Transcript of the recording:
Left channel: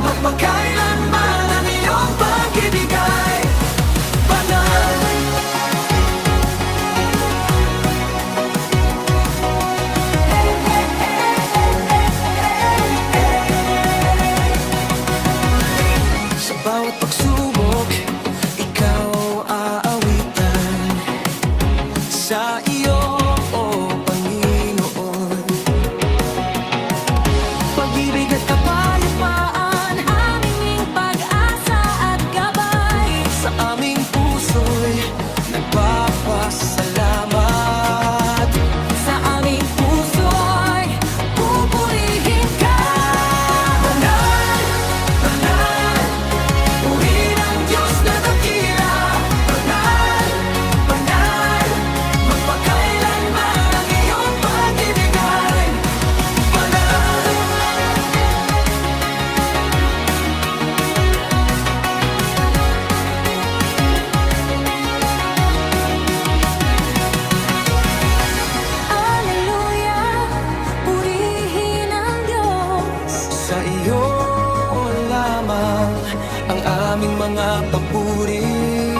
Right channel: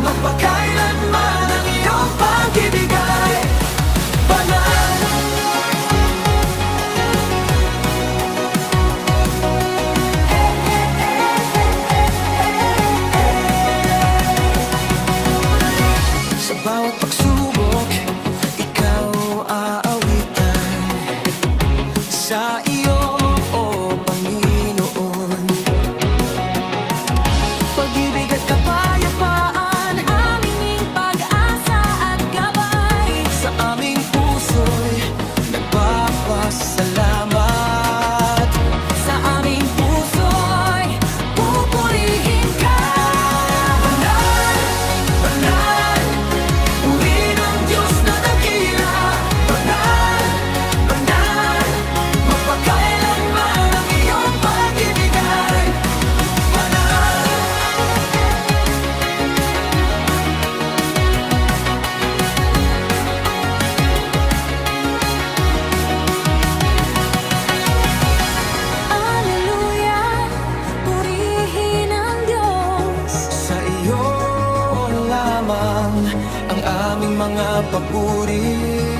Magpakailanman ang iyong pag-ibig ay banal. Sa bawat pagsubok, ikaw aawitan. Sa iyo, o Panginoon, pag-ibig at kapayapaan, aming pag-asa at gabay. sa aming puso'y nagpapasalamat. Sa aming puso'y pupurihin ka. Banal, banal, purihin ang Diyos na dakila. Banal, banal, magpakailanman ang iyong pag-ibig ay banal. Alleluia, purihin ang Diyos. Sa iyo lamang ang aming mga papuri.